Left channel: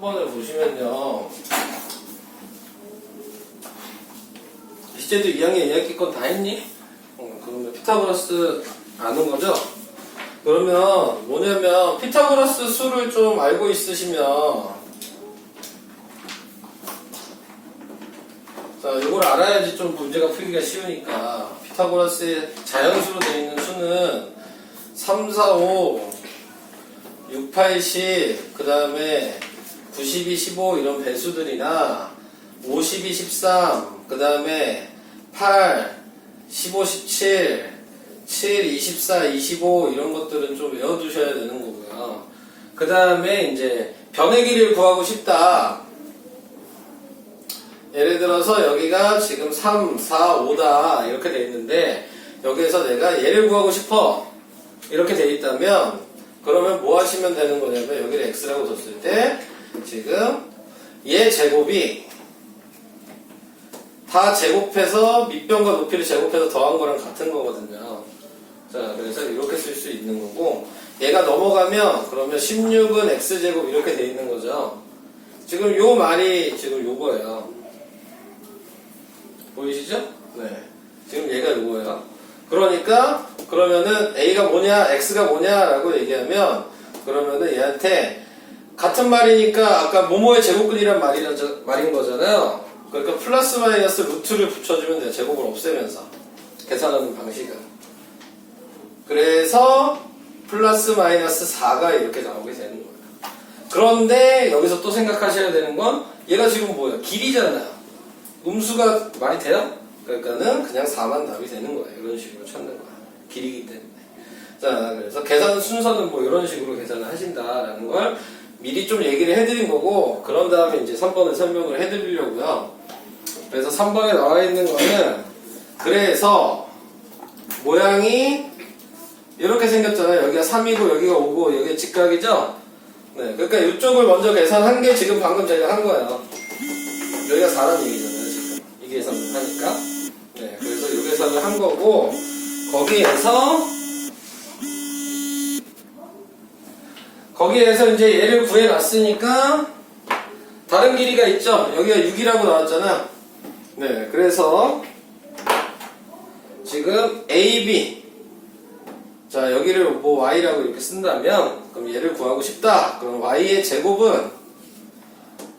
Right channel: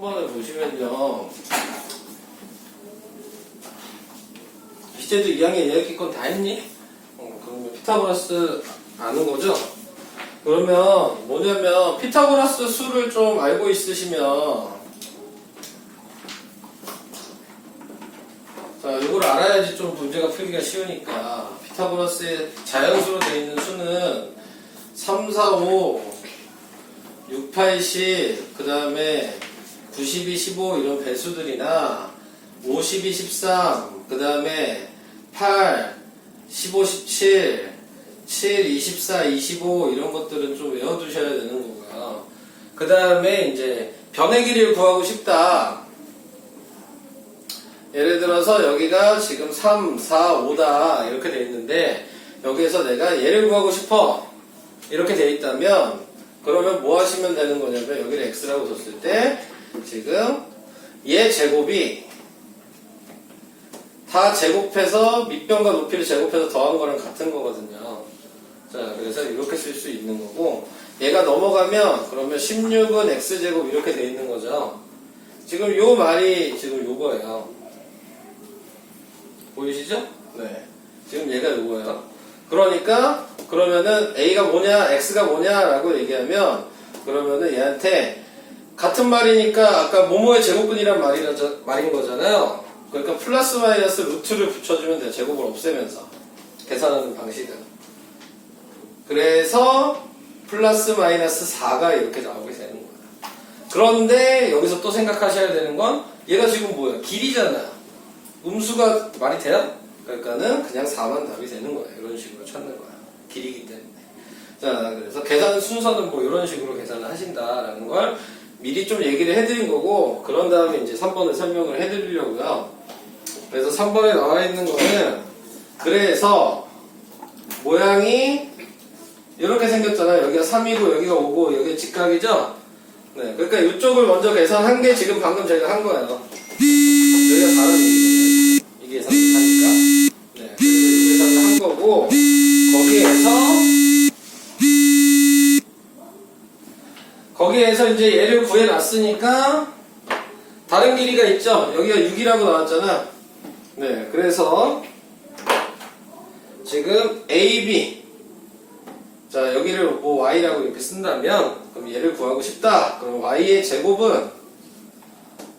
한번을 보시면요. 이제도 2학년 2학기 건 다 했니? 그러면 피타고라스 아는 거죠? 그러면 뭐냐면 피타고라스 수를 좀 알고 있으시면 자, 이걸 알아야지 좀 문제가 풀기가 쉬우니까 피타고라스의 자연수로 되어 있는 수는 3, 4, 5, 6, 8, 10, 그 다음에 92, 15 이런 배수들이나 52, 13, 그 다음에 8, 15, 17, 7, 24, 25 이런 것들은 좀 외워두셔야 되는 거고요. 그 다음에 이제 변의 길이를 구하고 싶다. 예를 들어서 여기가 지금 3, 4, 5다 이렇게 돼 있는데 여기에서 내가 얘를 구하고 싶어 이렇게 돼 있다면 그러면 뭐 하시면 되는 거냐면 여기를 x라고 뒀을 때 지금 얘 제곱이 다 제곱해서 밑변과 높이를 제곱해서 더한 거랑 같은 거거든요. 자, 그래서 이렇게 쓸 수 있는 거고 얘가 넘어가면 그러면 16은 x제곱 이렇게 돼 있는 거죠. 지금 요 말이 지금 요거예요. 보이시죠? 네. 지금 얘가 요거예요. 그러니까 그러면은 a가 뭐냐 x가 뭐냐라고 얘기하면 그러면은 얘한테 같은 말이니까 아까 뭐뭐의 제곱근이란 말인 거잖아요. 그러니까 플러스 마이너스 루트를 붙여주면 돼요. 제곱을 없애면서 계산하는 방식은. 그래서 플러스 마이너스 4가 이렇게 나오게 되는 거예요. 그런데 여기서 또 생각하셔야 되는 건 얘가 지금 뭐예요? 길이잖아요. 음수가 말이 돼요? 그러니까는 그냥 4만 답이 되는 거예요. 이런 식으로 찾는 거야. 길이기 때문에. 자, 그래서 계산 순서는 뭐 이런 식으로 계산을 하신다라는 걸 미리 좀 얘기를 해드린 거고, 그런 다음에 이제 3번을 설명을 해드리려고요. 그래서 3번에 나와 있는 거는, 그래서 모양이 이렇게 생겼잖아요. 여기가 3이고 여기가 5고 여기가 직각이죠? 네, 그러니까 이쪽을 먼저 계산한 게 지금 방금 저희가 한 거예요. 여기가 4라는 얘기잖아요. 이 계산을 하니까. 네, 그래서 이 계산을 한 거고, 거기에서 이제 얘를 구해놨으니까 다른 길이가 있죠. 여기가 6이라고 나왔잖아. 네, 그래서 지금 AB 자, 여기를 뭐 y라고 이렇게 쓴다면 그럼 얘를 구하고 싶다. 그럼 y의 제곱은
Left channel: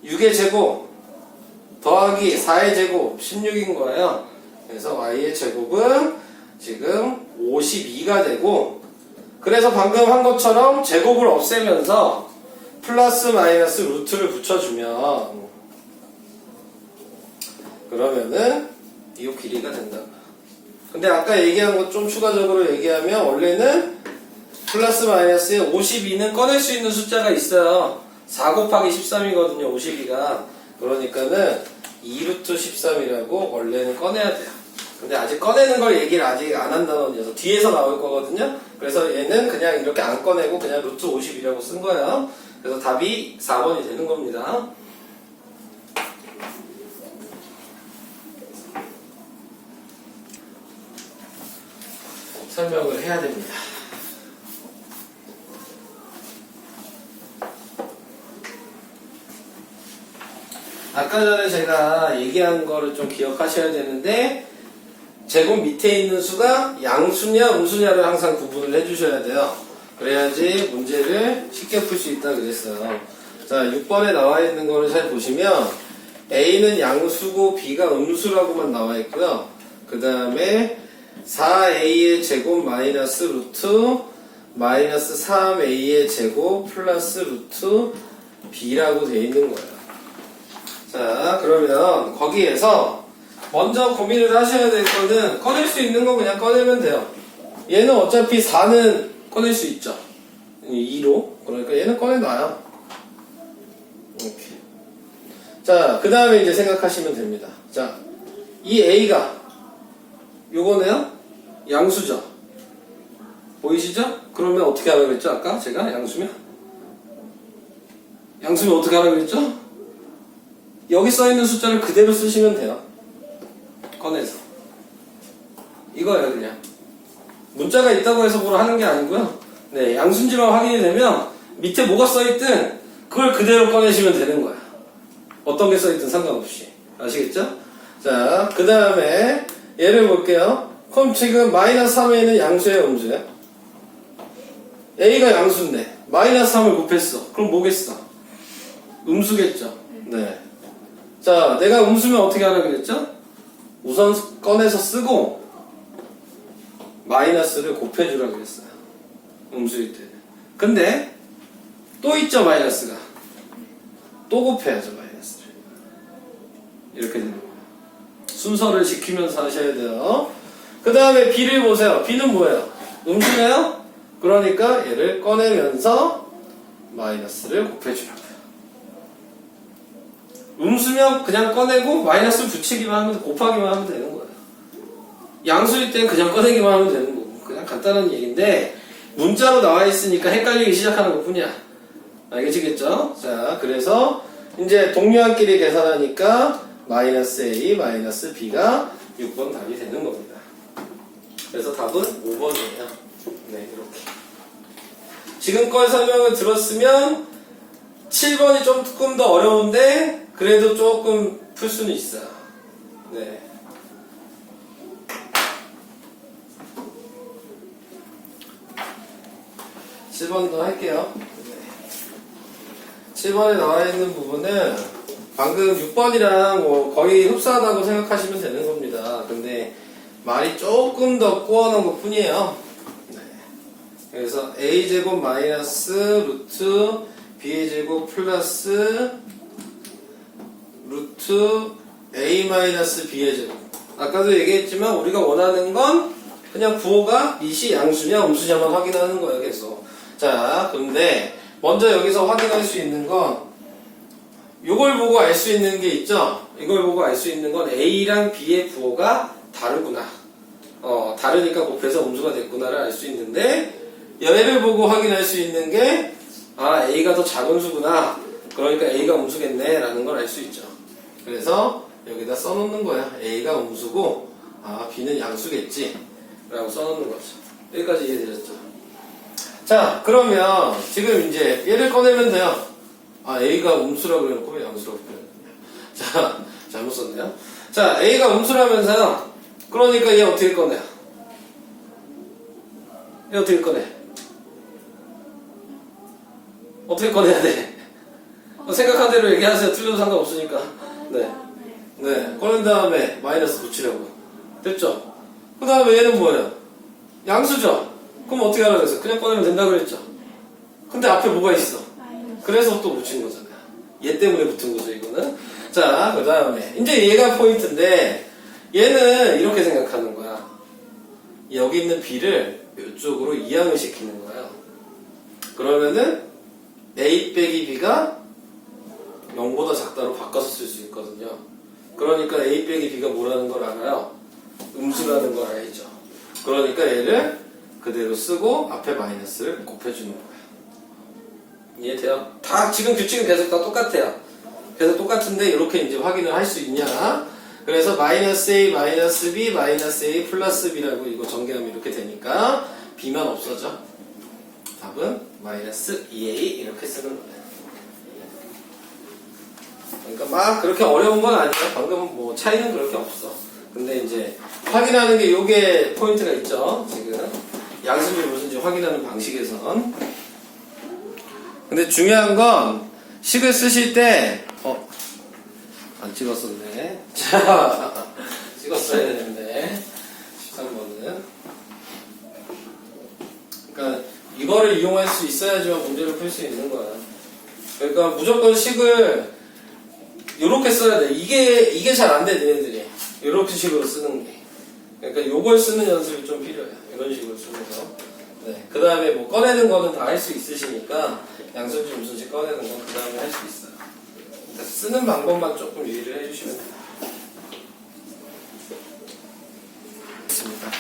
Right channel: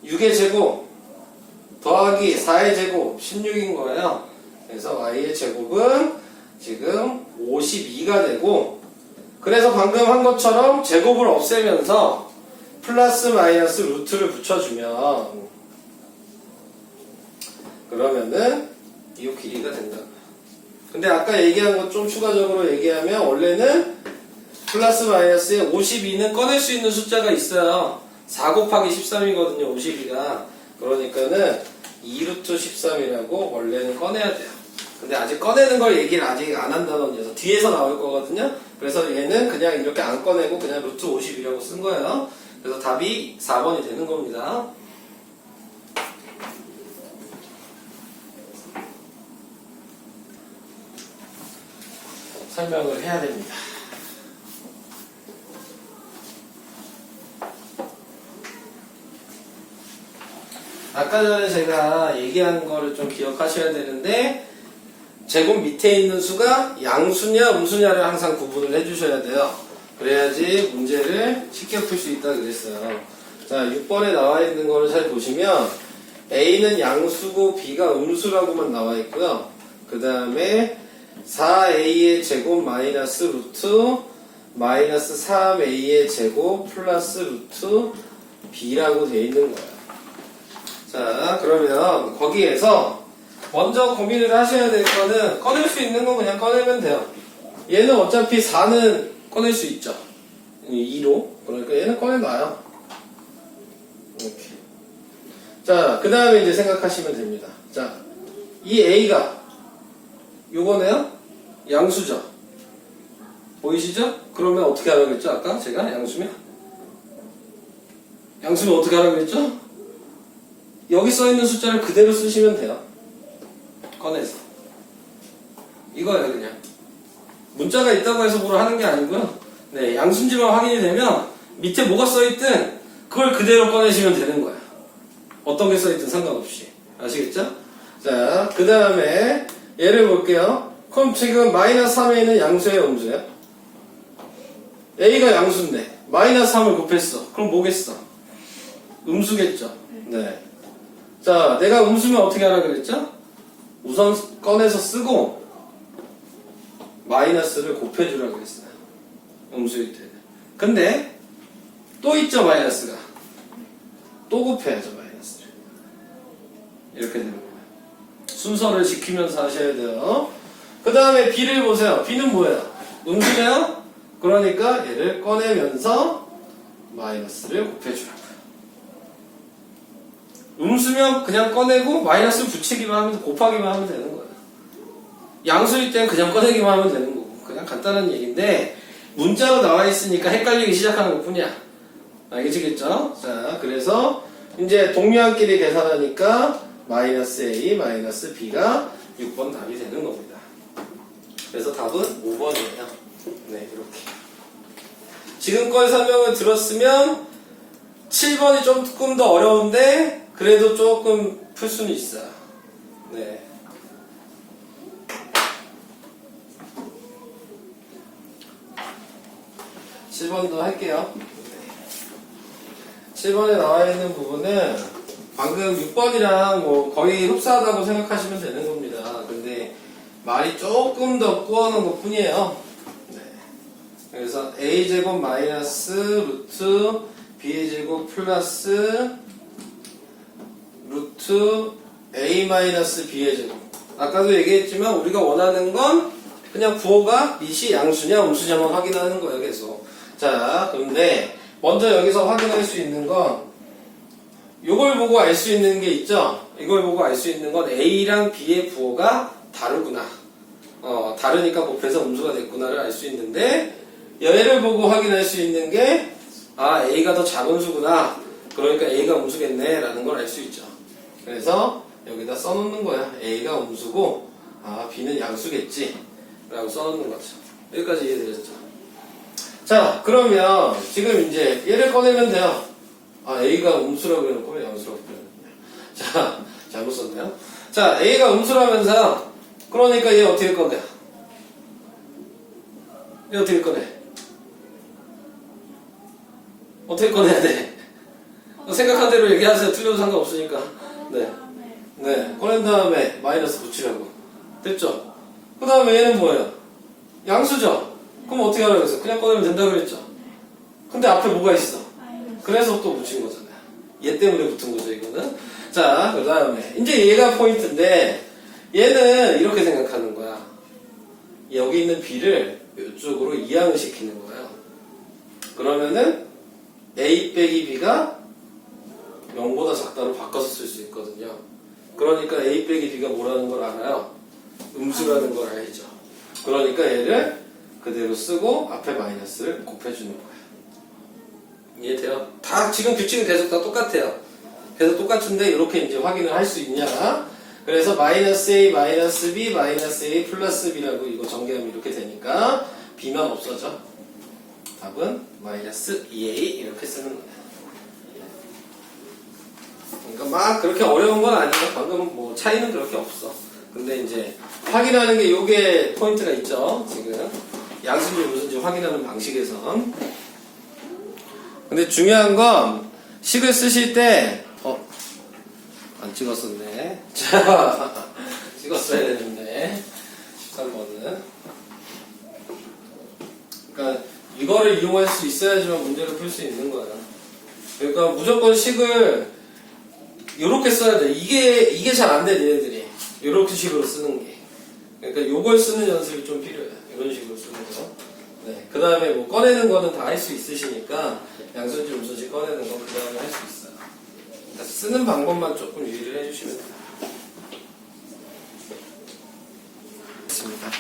6의 제곱 더하기 4의 제곱 16인 거예요. 그래서 y의 제곱은 지금 52가 되고, 그래서 방금 한 것처럼 제곱을 없애면서 플러스 마이너스 루트를 붙여주면 그러면은 이 길이가 된다. 근데 아까 얘기한 것 좀 추가적으로 얘기하면 원래는 플러스 마이너스에 52는 꺼낼 수 있는 숫자가 있어요. 4 곱하기 13이거든요. 52가. 그러니까는 2루트 13이라고 원래는 꺼내야 돼요. 근데 아직 꺼내는 걸 얘기를 아직 안 한다는 녀석 뒤에서 나올 거거든요. 그래서 얘는 그냥 이렇게 안 꺼내고 그냥 루트 50이라고 쓴 거예요. 그래서 답이 4번이 되는 겁니다. 설명을 해야 됩니다. 아까 전에 제가 얘기한 거를 좀 기억하셔야 되는데, 제곱 밑에 있는 수가 양수냐 음수냐를 항상 구분을 해주셔야 돼요. 그래야지 문제를 쉽게 풀 수 있다 그랬어요. 자, 6번에 나와 있는 거를 잘 보시면 A는 양수고 B가 음수라고만 나와 있고요. 그 다음에 4A의 제곱 마이너스 루트 마이너스 3A의 제곱 플러스 루트 B라고 되어 있는 거예요. 자, 그러면 거기에서 먼저 고민을 하셔야 될 거는 꺼낼 수 있는 건 그냥 꺼내면 돼요. 얘는 어차피 4는 꺼낼 수 있죠. 2로. 그러니까 얘는 꺼내놔요. 이렇게. 자, 그 다음에 이제 생각하시면 됩니다. 자, 이 A가 요거네요. 양수죠. 보이시죠? 그러면 어떻게 하라고 그랬죠? 아까 제가 양수면? 양수면 어떻게 하라고 그랬죠? 여기 써있는 숫자를 그대로 쓰시면 돼요. 꺼내서. 이거예요, 그냥. 문자가 있다고 해서 뭘 하는 게 아니고요. 네, 양수인지만 확인이 되면 밑에 뭐가 써있든 그걸 그대로 꺼내시면 되는 거야. 어떤 게 써있든 상관없이. 아시겠죠? 자, 그 다음에 얘를 볼게요. 그럼 지금 마이너스 3에 있는 양수예요, 음수예요? A가 양수인데 마이너스 3을 곱했어. 그럼 뭐겠어? 음수겠죠? 네. 자, 내가 음수면 어떻게 하라 그랬죠? 우선 꺼내서 쓰고 마이너스를 곱해주라 그랬어요. 음수일 때는. 근데 또 있죠, 마이너스가. 또 곱해야죠, 마이너스를. 이렇게 되는 거예요. 순서를 지키면서 하셔야 돼요. 그 다음에 B를 보세요. B는 뭐예요? 음수네요? 그러니까 얘를 꺼내면서 마이너스를 곱해주라고요. 음수면 그냥 꺼내고 마이너스 붙이기만 하면, 곱하기만 하면 되는 거예요. 양수일 땐 그냥 꺼내기만 하면 되는 거고. 그냥 간단한 얘기인데 문자로 나와 있으니까 헷갈리기 시작하는 것 뿐이야. 알겠죠? 자, 그래서 이제 동류한끼리 계산하니까 마이너스 A, 마이너스 B가 6번 답이 되는 겁니다. 그래서 답은 5번이에요. 네, 이렇게. 지금까지 설명을 들었으면 7번이 조금 더 어려운데 그래도 조금 풀 수는 있어요. 네. 칠 번도 할게요. 7번에 나와 있는 부분은 방금 6번이랑 뭐 거의 흡사하다고 생각하시면 되는 겁니다. 근데 말이 조금 더 꾸어놓은 것 뿐이에요. 네. 그래서 a제곱 마이너스 루트 b제곱 플러스 루트 a 마이너스 b의 제곱. 아까도 얘기했지만 우리가 원하는 건 그냥 부호가 이시 양수냐 음수냐만 확인하는 거예요, 계속. 자, 그런데 먼저 여기서 확인할 수 있는 건 이걸 보고 알 수 있는 게 있죠? 이걸 보고 알 수 있는 건 A랑 B의 부호가 다르구나. 다르니까 곱해서 음수가 됐구나를 알 수 있는데 얘를 보고 확인할 수 있는 게 A가 더 작은 수구나. 그러니까 A가 음수겠네 라는 걸 알 수 있죠. 그래서 여기다 써놓는 거야. A가 음수고 B는 양수겠지 라고 써놓는 거죠. 여기까지 이해되셨죠? 자, 그러면 지금 이제 얘를 꺼내면 돼요. A가 음수라고 해놓고 왜 양수라고 표현했냐. 자, 잘못 썼네요. 자, A가 음수라면서 그러니까 얘 어떻게 꺼내요? 얘 어떻게 꺼내? 어떻게 꺼내야 돼? 생각한 대로 얘기하세요. 틀려도 상관없으니까. 네. 네. 꺼낸 다음에 마이너스 붙이라고. 됐죠? 그 다음에 얘는 뭐예요? 양수죠? 그럼 어떻게 하라고 했어요? 그냥 꺼내면 된다 그랬죠? 근데 앞에 뭐가 있어? 그래서 또 붙인 거잖아요. 얘 때문에 붙은 거죠, 이거는. 자, 그 다음에. 이제 얘가 포인트인데, 얘는 이렇게 생각하는 거야. 여기 있는 B를 이쪽으로 이항을 시키는 거예요. 그러면은, A 빼기 B가 0보다 작다로 바꿔서 쓸 수 있거든요. 그러니까 A 빼기 B가 뭐라는 걸 알아요? 음수라는 걸 알죠. 그러니까 얘를 그대로 쓰고 앞에 마이너스를 곱해주는 거예요. 이해돼요? 다 지금 규칙은 계속 다 똑같아요. 계속 똑같은데 이렇게 이제 확인을 할 수 있냐? 그래서 마이너스 A, 마이너스 B, 마이너스 A 플러스 B라고 이거 전개하면 이렇게 되니까 B만 없어져. 답은 마이너스 2A 이렇게 쓰는 거예요. 그러니까 막 그렇게 어려운 건 아니에요. 방금 뭐 차이는 그렇게 없어. 근데 이제 확인하는 게 요게 포인트가 있죠. 지금 양수인지 무슨지 확인하는 방식에선. 근데 중요한 건 식을 쓰실 때 안 찍었었네. 자, 찍었어야 되는데 13번은 그러니까 이거를 이용할 수 있어야지만 문제를 풀 수 있는 거야. 그러니까 무조건 식을 이렇게 써야 돼. 이게 잘 안 돼, 얘네들이. 이렇게 식으로 쓰는 게. 그러니까 요걸 쓰는 연습이 좀 필요해요. 이런 식으로 쓰는 거. 네. 그 다음에 뭐 꺼내는 거는 다 할 수 있으시니까 양수인지 음수인지 꺼내는 거 그 다음에 할 수 있어요. 그러니까 쓰는 방법만 조금 유의를 해주시면 돼요. 됐습니다.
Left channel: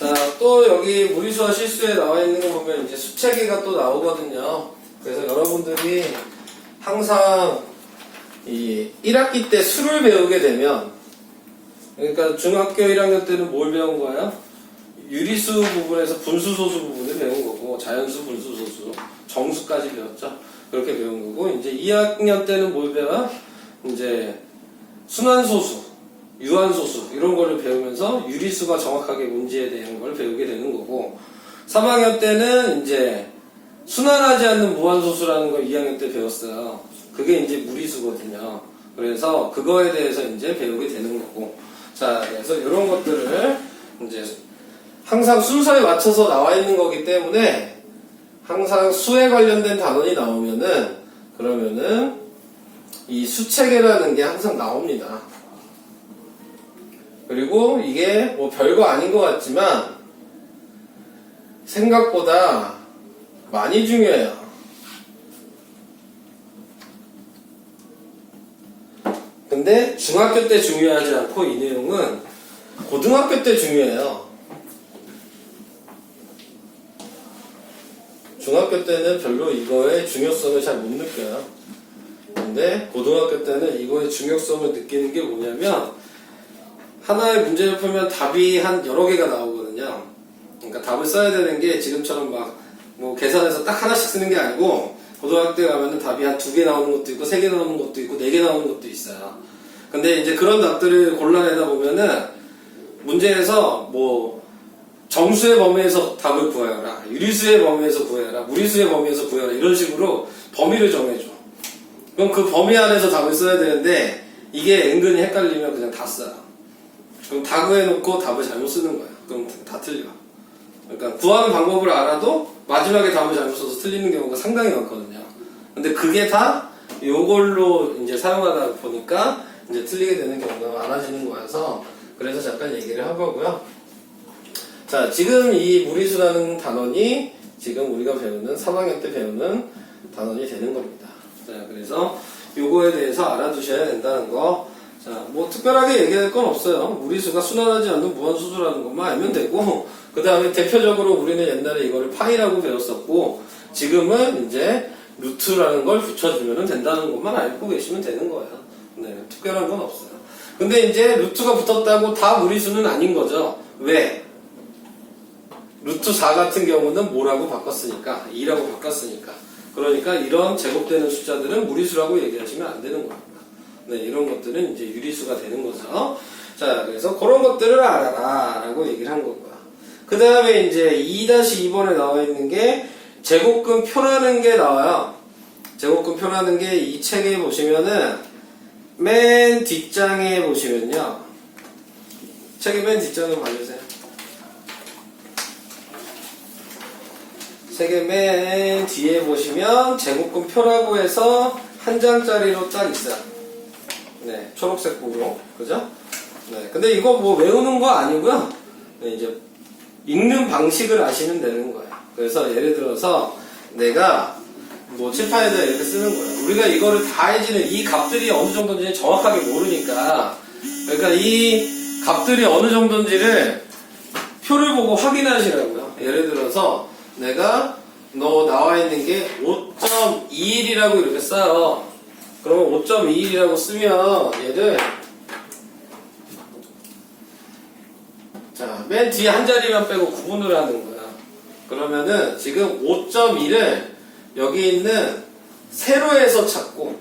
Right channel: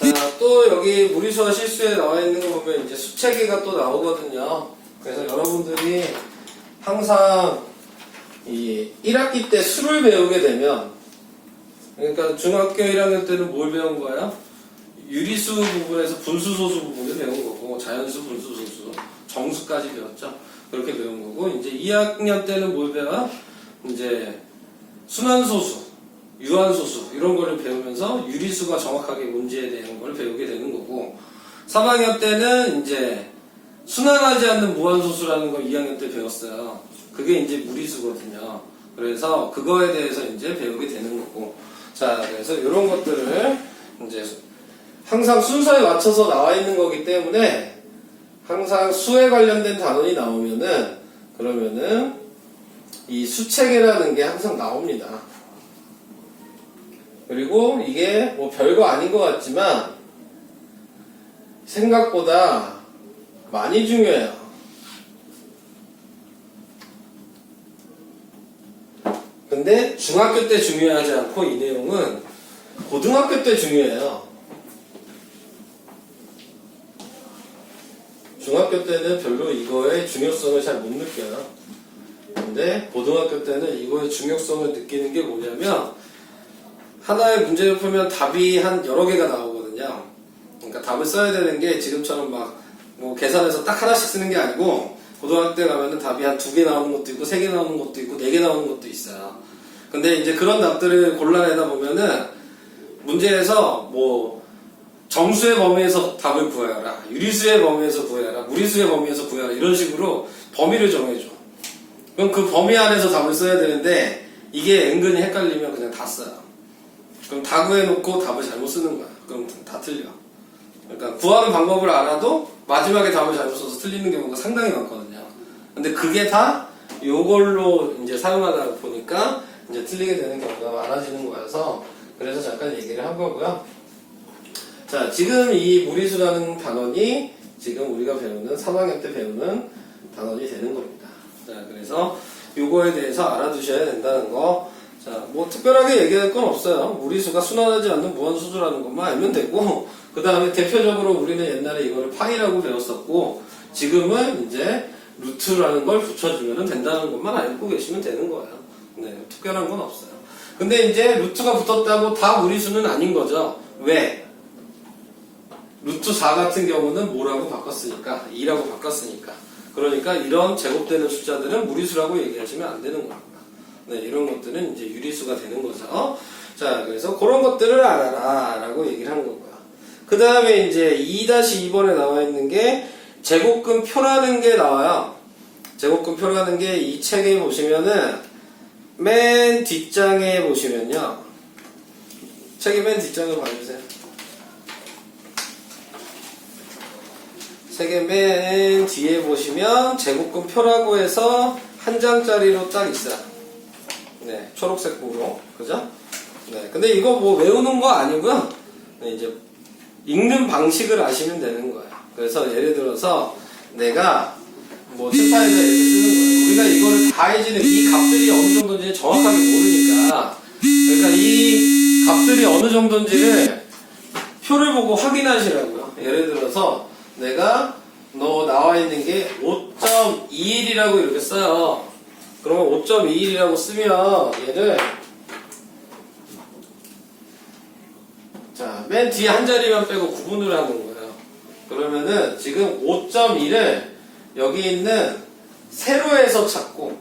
자, 또 여기 무리수와 실수에 나와 있는 거 보면 이제 수체계가 또 나오거든요. 그래서 여러분들이 항상 이 1학기 때 수를 배우게 되면, 그러니까 중학교 1학년 때는 뭘 배운 거예요? 유리수 부분에서 분수 소수 부분을 배운 거고, 자연수, 분수, 소수, 정수까지 배웠죠. 그렇게 배운 거고, 이제 2학년 때는 뭘 배워? 이제 순환소수, 유한소수 이런 거를 배우면서 유리수가 정확하게 뭔지에 대한 걸 배우게 되는 거고, 3학년 때는 이제 순환하지 않는 무한소수라는 걸 2학년 때 배웠어요. 그게 이제 무리수거든요. 그래서 그거에 대해서 이제 배우게 되는 거고, 자, 그래서 이런 것들을 이제 항상 순서에 맞춰서 나와 있는 거기 때문에 항상 수에 관련된 단원이 나오면은 그러면은 이 수체계라는 게 항상 나옵니다. 그리고 이게 뭐 별거 아닌 것 같지만 생각보다 많이 중요해요. 근데 중학교 때 중요하지 않고 이 내용은 고등학교 때 중요해요. 중학교 때는 별로 이거의 중요성을 잘 못 느껴요. 근데 고등학교 때는 이거의 중요성을 느끼는 게 뭐냐면 하나의 문제를 풀면 답이 한 여러 개가 나오거든요. 그러니까 답을 써야 되는 게 지금처럼 막 뭐 계산해서 딱 하나씩 쓰는 게 아니고 고등학교 때 가면은 답이 한 2개 나오는 것도 있고 3개 나오는 것도 있고 4개 나오는 것도 있어요. 근데 이제 그런 답들을 골라내다 보면은 문제에서 뭐 정수의 범위에서 답을 구해라, 유리수의 범위에서 구해라, 무리수의 범위에서 구해라 이런 식으로 범위를 정해줘. 그럼 그 범위 안에서 답을 써야 되는데 이게 은근히 헷갈리면 그냥 다 써요. 그럼 다 구해놓고 답을 잘못 쓰는 거야. 그럼 다 틀려. 그러니까 구하는 방법을 알아도 마지막에 답을 잘못 써서 틀리는 경우가 상당히 많거든요. 근데 그게 다 요걸로 이제 사용하다 보니까 이제 틀리게 되는 경우가 많아지는 거여서 그래서 잠깐 얘기를 한 거고요. 자, 지금 이 무리수라는 단원이 지금 우리가 배우는 3학년 때 배우는 단원이 되는 겁니다. 자, 그래서 요거에 대해서 알아두셔야 된다는 거. 자, 뭐 특별하게 얘기할 건 없어요. 무리수가 순환하지 않는 무한수수라는 것만 알면 되고, 그 다음에 대표적으로 우리는 옛날에 이거를 파이라고 배웠었고, 지금은 이제 루트라는 걸 붙여주면 된다는 것만 알고 계시면 되는 거예요. 네, 특별한 건 없어요. 근데 이제 루트가 붙었다고 다 무리수는 아닌 거죠. 왜? 루트 4 같은 경우는 뭐라고 바꿨으니까? 2라고 바꿨으니까. 그러니까 이런 제곱되는 숫자들은 무리수라고 얘기하시면 안 되는 겁니다. 네, 이런 것들은 이제 유리수가 되는 거죠. 자, 그래서 그런 것들을 알아라 라고 얘기를 한 거고요. 그 다음에 이제 2-2번에 나와 있는 게 제곱근 표라는 게 나와요. 제곱근 표라는 게 이 책에 보시면은 맨 뒷장에 보시면요. 책의 맨 뒷장으로 봐주세요. 책의 맨 뒤에 보시면 제곱근 표라고 해서 한 장짜리로 딱 있어요. 네, 초록색 보로. 그죠? 네, 근데 이거 뭐 외우는 거 아니고요. 네, 이제 읽는 방식을 아시면 되는 거예요. 그래서 예를 들어서 내가 뭐 칠판에다 이렇게 쓰는 거예요. 우리가 이거를 다 해지는 이 값들이 어느 정도인지 정확하게 모르니까 그러니까 이 값들이 어느 정도인지를 표를 보고 확인하시라고요. 예를 들어서 내가 너 나와 있는 게 5.21이라고 이렇게 써요. 그러면 5.21이라고 쓰면 얘를 자, 맨 뒤에 한 자리만 빼고 구분을 하는 거야. 그러면은 지금 5.1을 여기 있는 세로에서 찾고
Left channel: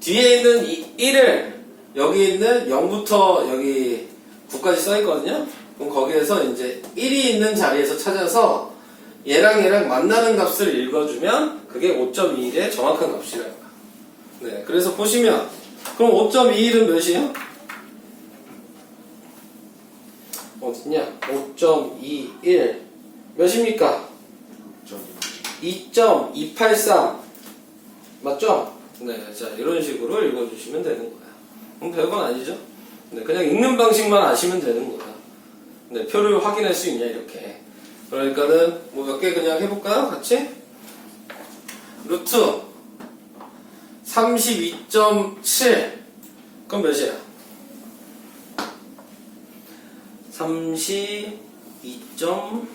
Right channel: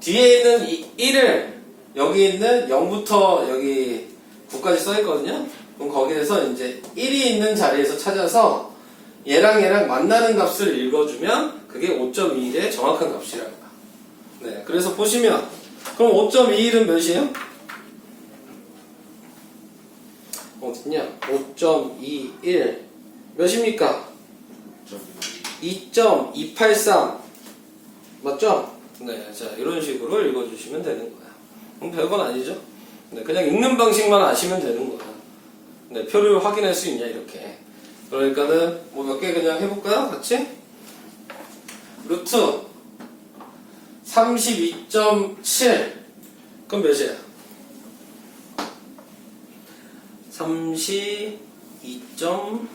뒤에 있는 1을 여기 있는 0부터 여기 9까지 써 있거든요. 그럼 거기에서 이제 1이 있는 자리에서 찾아서 얘랑 만나는 값을 읽어주면 그게 5.21의 정확한 값이라고. 네, 그래서 보시면 그럼 5.21은 몇이에요? 어딨냐? 5.21 몇입니까? 2.283 맞죠? 네, 자 이런 식으로 읽어주시면 되는 거야. 그럼 별건 아니죠? 네, 그냥 읽는 방식만 아시면 되는 거야. 네, 표를 확인할 수 있냐 이렇게. 그러니까는 뭐 몇 개 그냥 해볼까요? 같이? 루트 32.7 그럼 몇이야? 32.7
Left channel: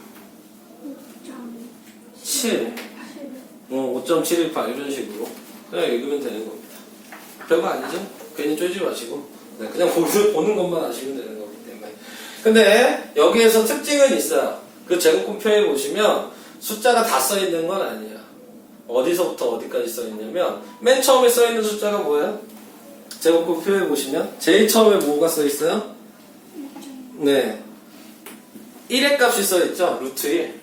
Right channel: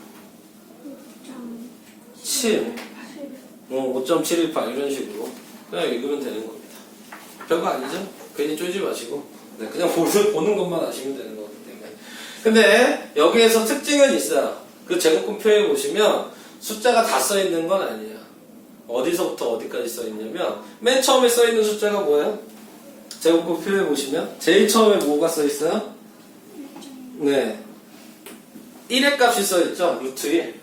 5.718 이런 식으로 그냥 읽으면 되는 겁니다. 별거 아니죠? 괜히 쫄지 마시고 네, 그냥 보는 것만 아시면 되는 거기 때문에. 근데 여기에서 특징은 있어요. 그 제곱근표에 보시면 숫자가 다 써 있는 건 아니에요. 어디서부터 어디까지 써 있냐면 맨 처음에 써 있는 숫자가 뭐예요? 제곱법 표에 보시면 제일 처음에 뭐가 써 있어요? 네, 1의 값이 써 있죠. 루트 1.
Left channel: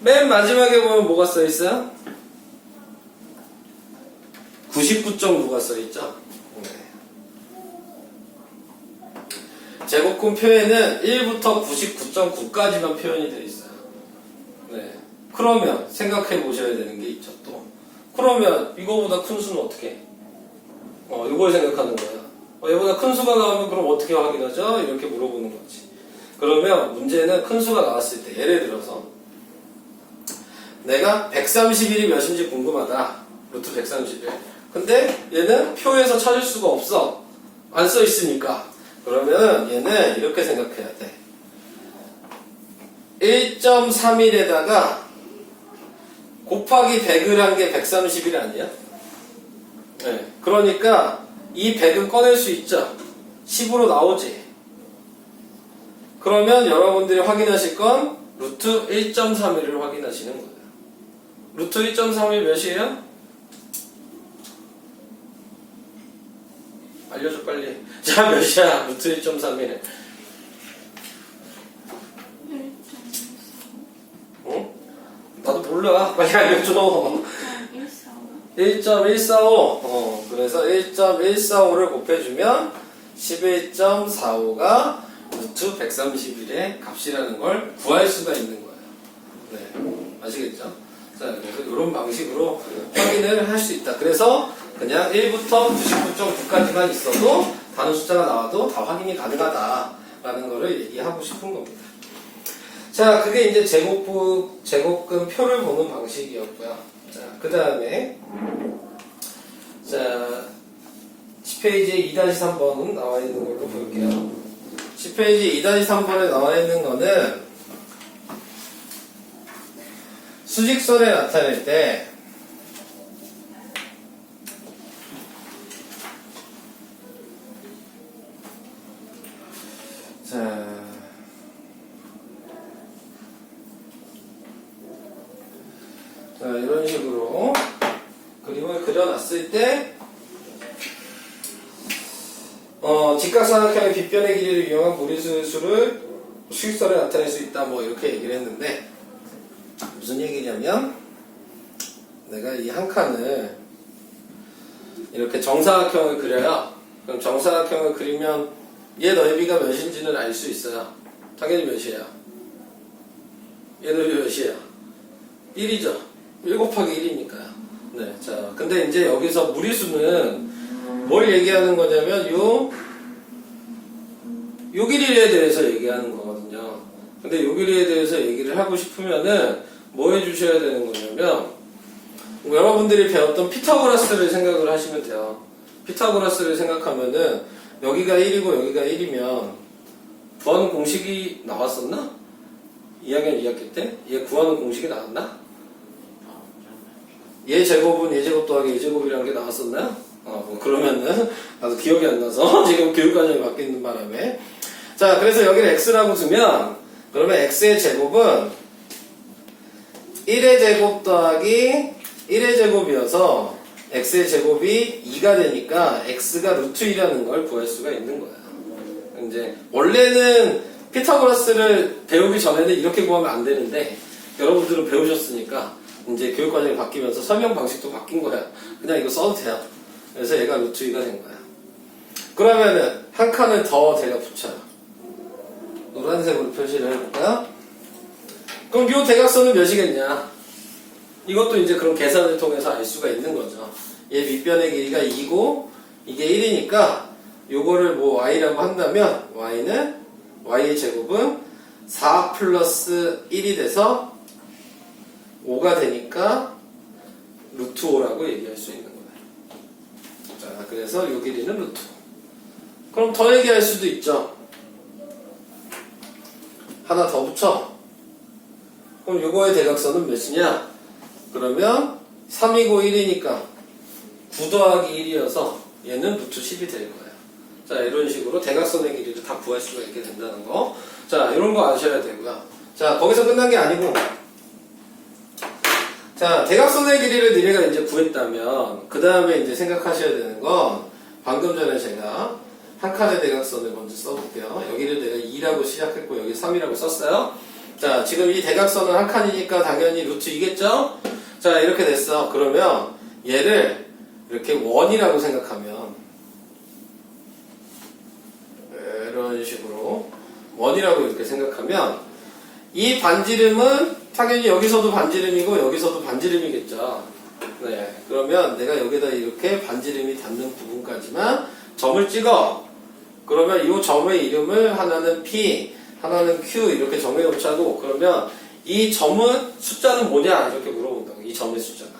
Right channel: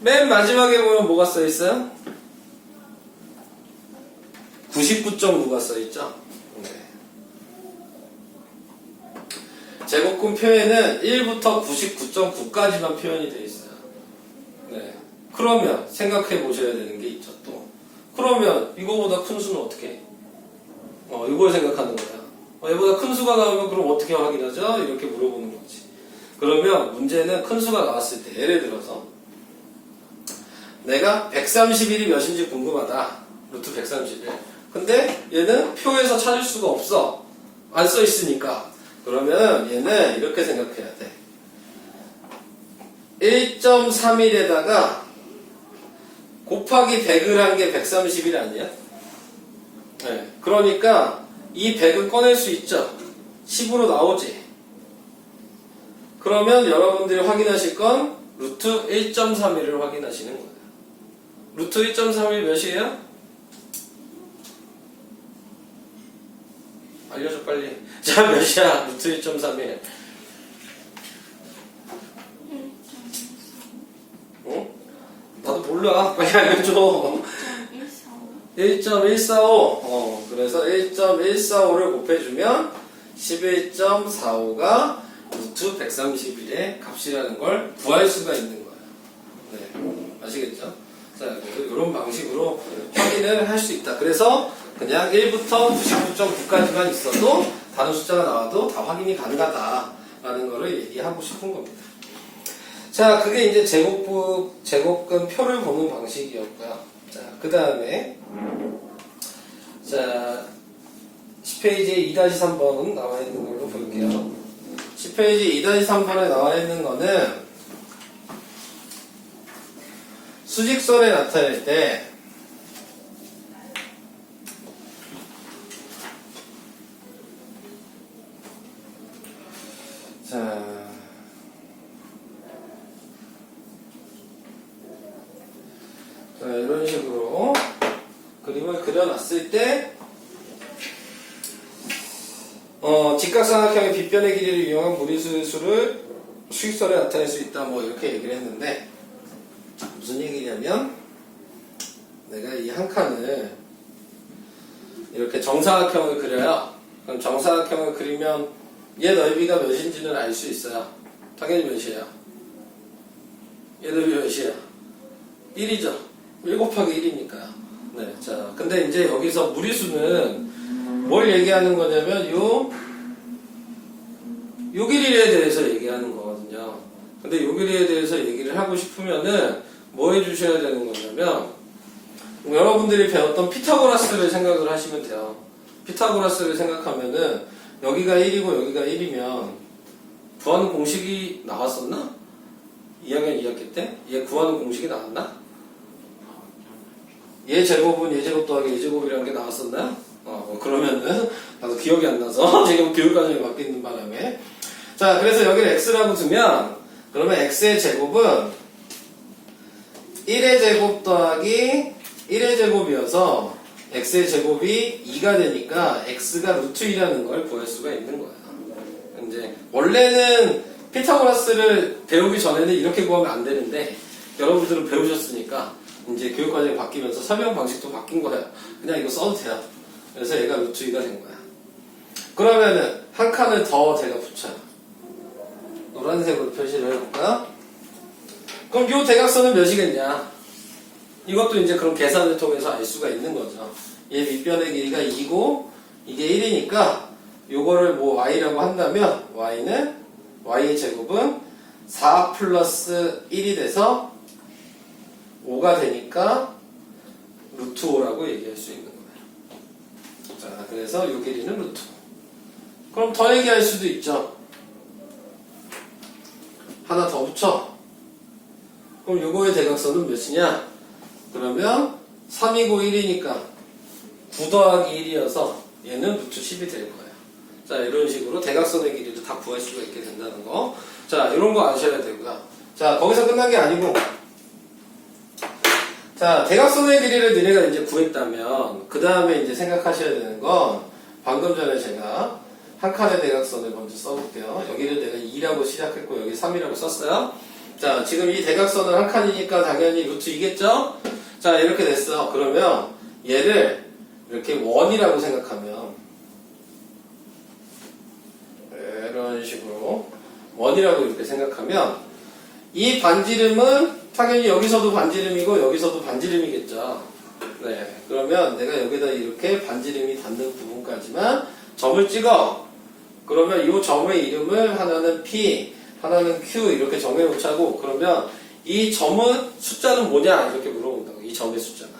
맨 마지막에 보면 뭐가 써 있어요? 99.9가 써 있죠. 네. 제곱근 표에는 1부터 99.9까지만 표현이 되어 있어요. 네. 그러면 생각해 보셔야 되는 게 있죠. 또 그러면 이거보다 큰 수는 어떻게 해? 이걸 생각하는 거야. 얘보다 큰 수가 나오면 그럼 어떻게 확인하죠? 이렇게 물어보는 거지. 그러면 문제는 큰 수가 나왔을 때 예를 들어서 내가 131이 몇인지 궁금하다. 루트 131. 근데 얘는 표에서 찾을 수가 없어. 안 써 있으니까. 그러면 얘는 이렇게 생각해야 돼. 1.31에다가 곱하기 100을 한 게 131 아니야? 네. 그러니까 이 100은 꺼낼 수 있죠. 10으로 나오지. 그러면 여러분들이 확인하실 건 루트 1.31을 확인하시는 거예요. 루트 1.31 몇이에요? 알려줘 빨리. 자, 몇이야? 루트 1.31. 응? 나도 몰라. 빨리 알려줘. 1.145. 그래서 1.145를 곱해주면 11.45가 루트 131의 값이라는 걸 구할 수가 있는 거예요. 네. 아시겠죠? 자, 그래서 이런 방식으로 확인을 할 수 있다. 그래서 그냥 1부터 99.9까지만 있어도 다른 숫자가 나와도 다 확인이 가능하다라는 거를 얘기하고 싶은 겁니다. 자, 그게 이제 제곱근 표를 보는 방식이었고요. 자, 그 다음에 자 10페이지에 2-3번은 나와 있는 걸로 볼게요. 10페이지 2-3번에 나와 있는 거는 수직선에 나타낼 때 자, 이런 식으로 그림을 그려놨을 때 직각삼각형의 빗변의 길이를 이용한 무리수를 수직선에 나타낼 수 있다 뭐 이렇게 얘기를 했는데 무슨 얘기냐면 내가 이 한 칸을 이렇게 정사각형을 그려요. 그럼 정사각형을 그리면 얘 넓이가 몇인지는 알 수 있어요. 당연히 몇이에요? 얘 넓이 몇이에요? 1이죠. 1 곱하기 1이니까요. 네, 자, 근데 이제 여기서 무리수는 뭘 얘기하는 거냐면 요 길이에 대해서 얘기하는 거거든요. 근데 요 길이에 대해서 얘기를 하고 싶으면은 뭐 해주셔야 되는 거냐면 여러분들이 배웠던 피타고라스를 생각을 하시면 돼요. 피타고라스를 생각하면은 여기가 1이고 여기가 1이면 구하는 공식이 나왔었나? 2학년 2학기 때? 얘 구하는 공식이 나왔나? 얘 제곱은 얘 제곱 더하기 얘 제곱이라는 게 나왔었나요? 그러면은 나도 기억이 안 나서 지금 교육과정이 바뀌는 바람에 자, 그래서 여기를 x라고 두면 그러면 x의 제곱은 1의 제곱 더하기 1의 제곱이어서 x의 제곱이 2가 되니까 x가 루트 2라는 걸 구할 수가 있는 거야. 이제 원래는 피타고라스를 배우기 전에는 이렇게 구하면 안 되는데 여러분들은 배우셨으니까 이제 교육과정이 바뀌면서 설명 방식도 바뀐 거예요. 그냥 이거 써도 돼요. 그래서 얘가 루트 2가 된 거야. 그러면은 한 칸을 더 제가 붙여요. 노란색으로 표시를 해볼까요? 그럼 요 대각선은 몇이겠냐? 이것도 이제 그런 계산을 통해서 알 수가 있는 거죠. 얘 밑변의 길이가 2고 이게 1이니까 요거를 뭐 y라고 한다면 y의 제곱은 4 플러스 1이 돼서 5가 되니까 루트 5라고 얘기할 수 있는 거예요. 자, 그래서 요 길이는 루트 5. 그럼 더 얘기할 수도 있죠. 하나 더 붙여. 그럼 요거의 대각선은 몇이냐? 그러면 3이고 1이니까 9 더하기 1이어서 얘는 루트 10이 될 거예요. 자, 이런 식으로 대각선의 길이를 다 구할 수가 있게 된다는 거. 자, 이런 거 아셔야 되고요. 자, 거기서 끝난 게 아니고 자, 대각선의 길이를 니네가 이제 구했다면, 그 다음에 이제 생각하셔야 되는 건, 방금 전에 제가 한 칸의 대각선을 먼저 써볼게요. 여기를 내가 2라고 시작했고, 여기 3이라고 썼어요. 자, 지금 이 대각선은 한 칸이니까 당연히 루트 2겠죠? 자, 이렇게 됐어. 그러면 얘를 이렇게 원이라고 생각하면, 이런 식으로 원이라고 이렇게 생각하면, 이 반지름은 당연히 여기서도 반지름이고 여기서도 반지름이겠죠. 네, 그러면 내가 여기다 이렇게 반지름이 닿는 부분까지만 점을 찍어. 그러면 이 점의 이름을 하나는 P, 하나는 Q 이렇게 정해놓자고. 그러면 이 점은 숫자는 뭐냐 이렇게 물어본다고. 이 점의 숫자가.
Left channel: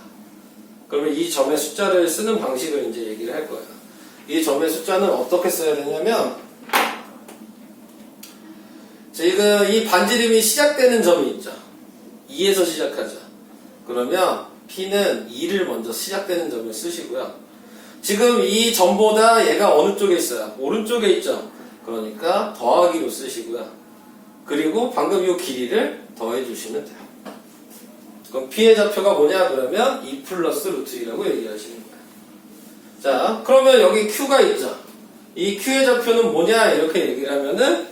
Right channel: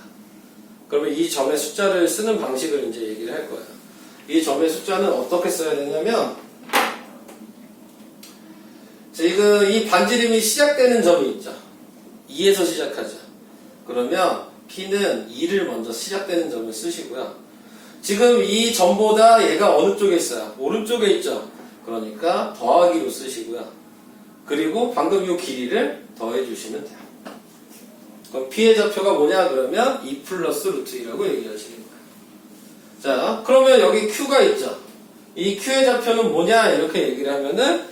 그러면 이 점의 숫자를 쓰는 방식을 이제 얘기를 할 거예요. 이 점의 숫자는 어떻게 써야 되냐면, 지금 이 반지름이 시작되는 점이 있죠. 2에서 시작하죠. 그러면 P는 2를 먼저 시작되는 점을 쓰시고요. 지금 이 점보다 얘가 어느 쪽에 있어요? 오른쪽에 있죠. 그러니까 더하기로 쓰시고요. 그리고 방금 이 길이를 더해 주시면 돼요. 그럼 P의 좌표가 뭐냐? 그러면 2 플러스 루트 2라고 얘기하시는 거예요. 자, 그러면 여기 Q가 있죠. 이 Q의 좌표는 뭐냐? 이렇게 얘기를 하면은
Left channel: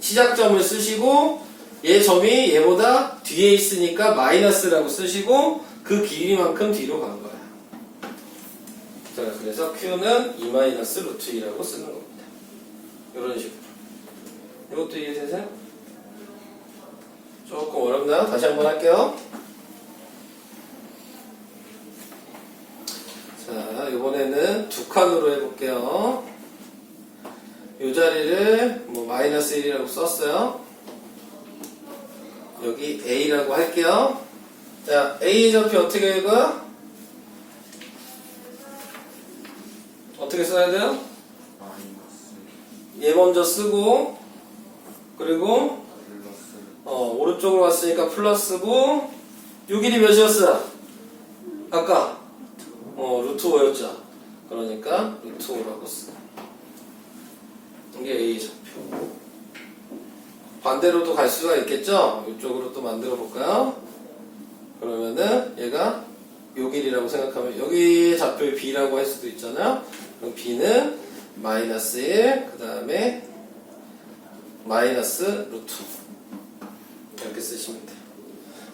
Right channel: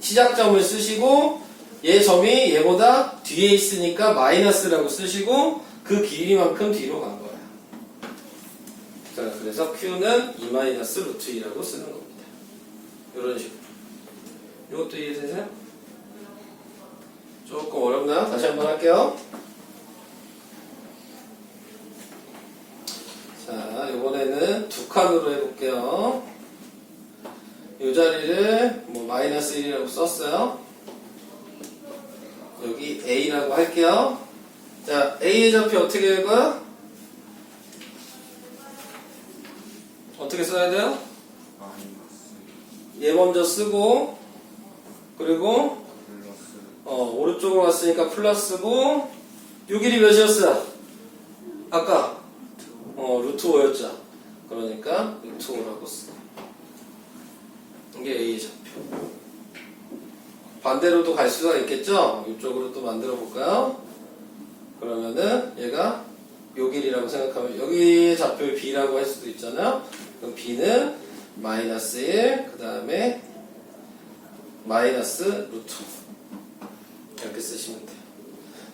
시작점을 쓰시고 얘 점이 얘보다 뒤에 있으니까 마이너스라고 쓰시고 그 길이만큼 뒤로 간 거야. 자, 그래서 Q는 2 마이너스 루트 2라고 쓰는 겁니다. 이런 식으로. 이것도 이해되세요? 조금 어렵나요? 다시 한번 할게요. 자, 이번에는 두 칸으로 해볼게요. 이 자리를 뭐 마이너스 1이라고 썼어요. 여기 A라고 할게요. 자, A의 좌표 어떻게 읽어요? 어떻게 써야 돼요? 얘 먼저 쓰고, 그리고 오른쪽으로 갔으니까 플러스고, 요 길이 몇이었어? 아까 루트 5였죠. 그러니까 루트 5라고 써. 이게 A 좌표. 반대로도 갈 수가 있겠죠? 이쪽으로 또 만들어 볼까요? 그러면은 얘가 요 길이라고 생각하면 여기 좌표를 B라고 할 수도 있잖아요. 그럼 B는 마이너스 1, 그 다음에 마이너스 루트 이렇게 쓰시면 돼요.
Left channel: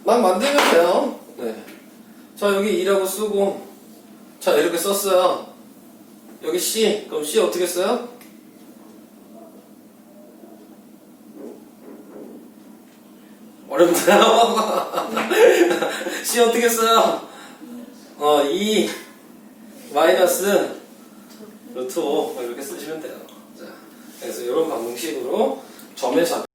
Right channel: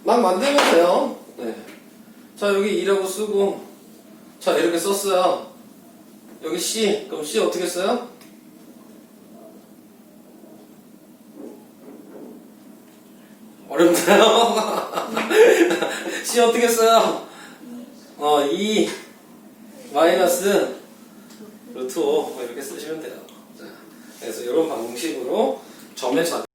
막 만들면 돼요. 네. 자, 여기 2라고 쓰고, 자, 이렇게 썼어요. 여기 C, 그럼 C 어떻게 써요? 어렵나요? C 어떻게 써요? 2 마이너스 루트 5 이렇게 쓰시면 돼요. 자, 그래서 이런 방식으로 점의 좌표